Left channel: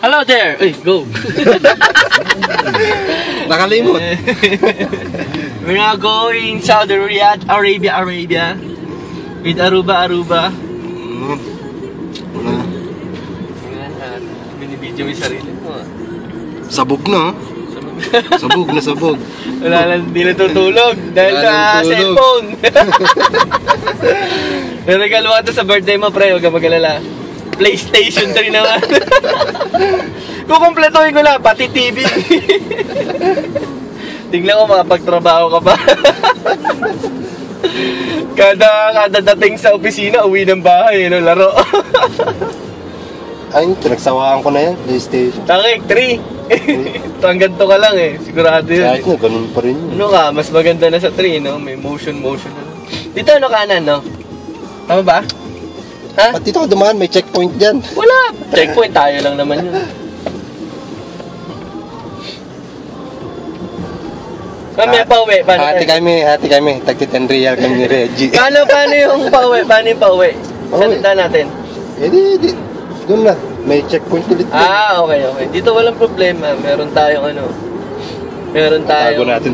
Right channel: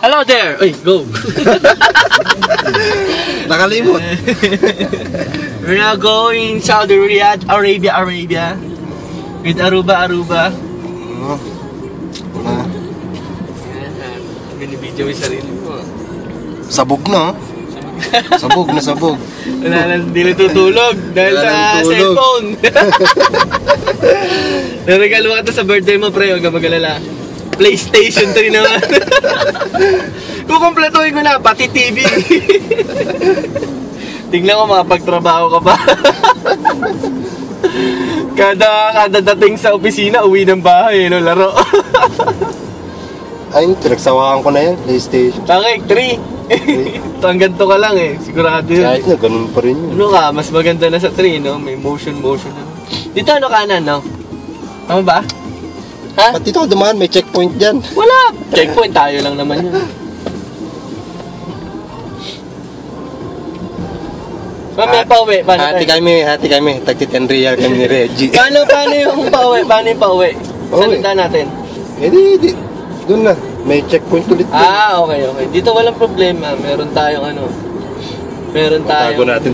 Hello there! Uy, go! Nakalimot. We're now going Saudi Arabia. With Aruba. Binibidyo mo yung sarili mo. Sabog na. Sabog. Wala lang, hindi natutulog dahil sa cellphone. Naregalo ka to sa birthday mo, pre. Huwag ka mag-alala. PlayStation 3 naman. Kukumpletuhin ko na, pati TV. Tingnan ko, makapagtrabaho ka pa. Kada dating sa opisina, uwi ng bahay, no, laro. Ay, pinagsawaan ko na yan, PlayStation. Takik, 3. Hanggang to ka lang eh, sigurado yun. Kahit na, ganun pa rin yun. Ano ka, mas maganda na sa 3, no? May motion. Dito ano kanan, no? Tama ba? Ha? At dito ko dumaan, may checkpoint dyan. Wala! Checkpoint, tayo lang naman yun. Mamaya pauwi, paano Hati kami, tagti 10 real kami ni Reggie. Paano yung pauwi? Paano yung pauwi? Salita natin. Di. Doon na, may checkpoint ulit dyan. Okay. Dito walang problema, meron tayong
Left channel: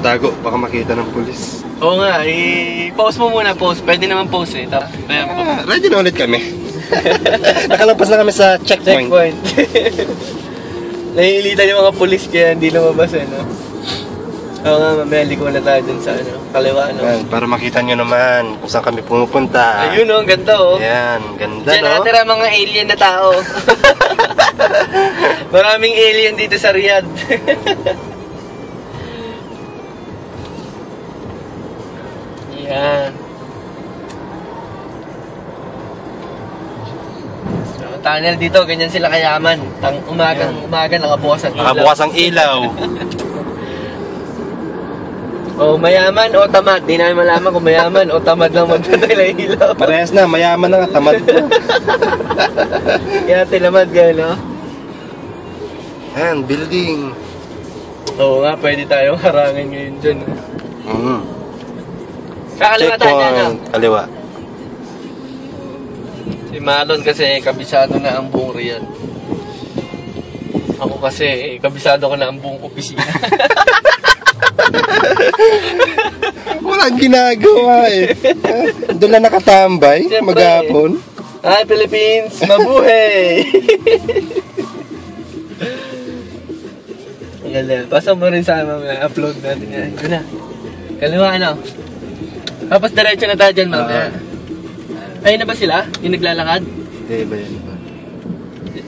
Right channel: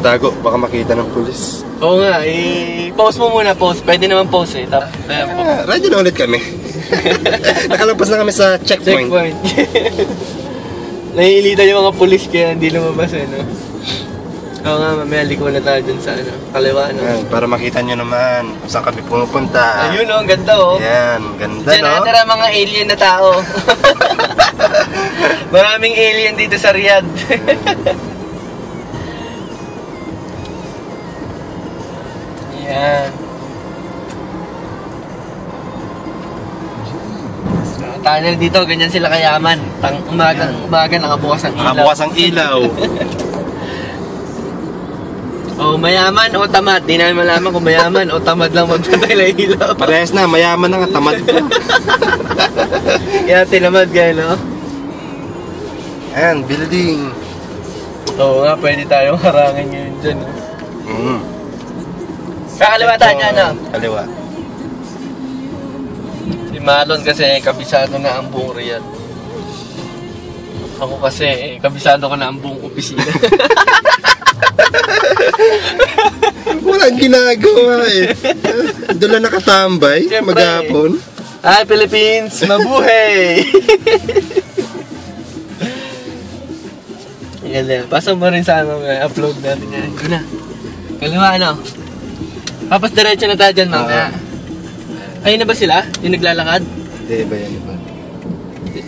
Tago, baka makita ng pulis. Oo nga, i-post mo muna, post. Pwede naman post eh. Tapos, ayan po. Ready na ulit kami. Nakalampas na kami sa checkpoint. Naiilitan yung mga pulis kaya hindi lumabas eh, no? Oo nga, mamaya liko na tayo dun sa kaliwa, no? Ayan, para makita nyo naman kung saan kami pumupunta. Ayun, ang ganda, oh. Ayan, ganda, Diyan no? natira mga alien na tao. Maraming alien dito sa Riyadh. Yan. So, tunnel dito, ganyan sila kayaman. Umaga nakabukas ang ilaw. Nakabukas ang ilaw. O mayaman o tamad. Di namin malaman kung mayaman o tamad lang magpatay ng ilaw. Parehas na, mayaman na nga, tamad ko. Kaya tinamad kayo, no? Ayan, building. Oo nga, pwede tayong harangin ngayon dyan. Kakaliwa tayo na, no? Kaliwa. Si Malon kasi kabisado na ang buong Riyadh. Ako kasi kabisado ko na ang buong opisina. Walang ginagawa eh. Doon lang nakatambay, Siyempre, maghapon. Hi Philippines, mabuhay! Ganda. Pasok mo rin sa upload natin yan. Ito na. Kaliwa, ano? Tapos diretso na tayo dyan, mamaya. Ayun na ba sila? Yung naglalakad? Hindi ba yan?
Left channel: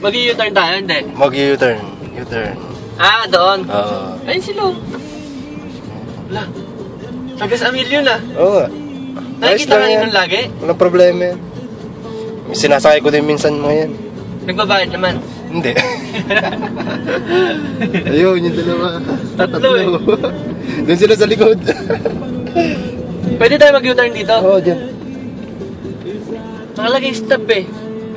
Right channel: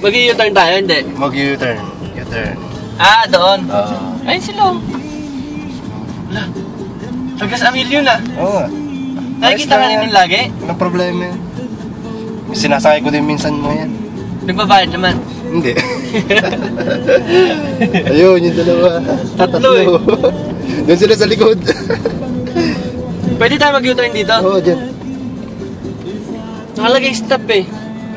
Mag-u-turn tayo, hindi? Mag-u-turn. Doon. Oo. Ayun sila. Wala. Tagas a million na. Oo. Nakikita ka nila lagi? Walang problema yan. Sinasakay ko din minsan mo yan. Nagbabayad naman. Hindi. Ayun, yung dalawa. Tatlo eh. Doon sila sa likod. Pwede tayo mag-u-turn dito? Oo, dyan. Nakalagay stop eh.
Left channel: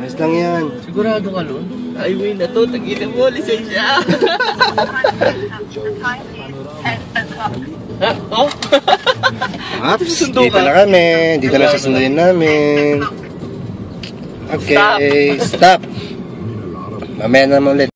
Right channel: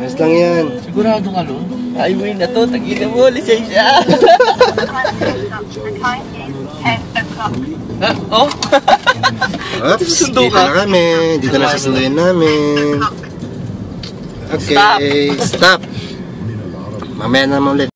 Ayos lang yan. Sigurado ka, Lon? Highway na to, tagina mo, lisensya. Oh? Oops, Susundo dito ka? na kami. Dito na sasunduin namin. Okay, stop. Mamaya naman ulit.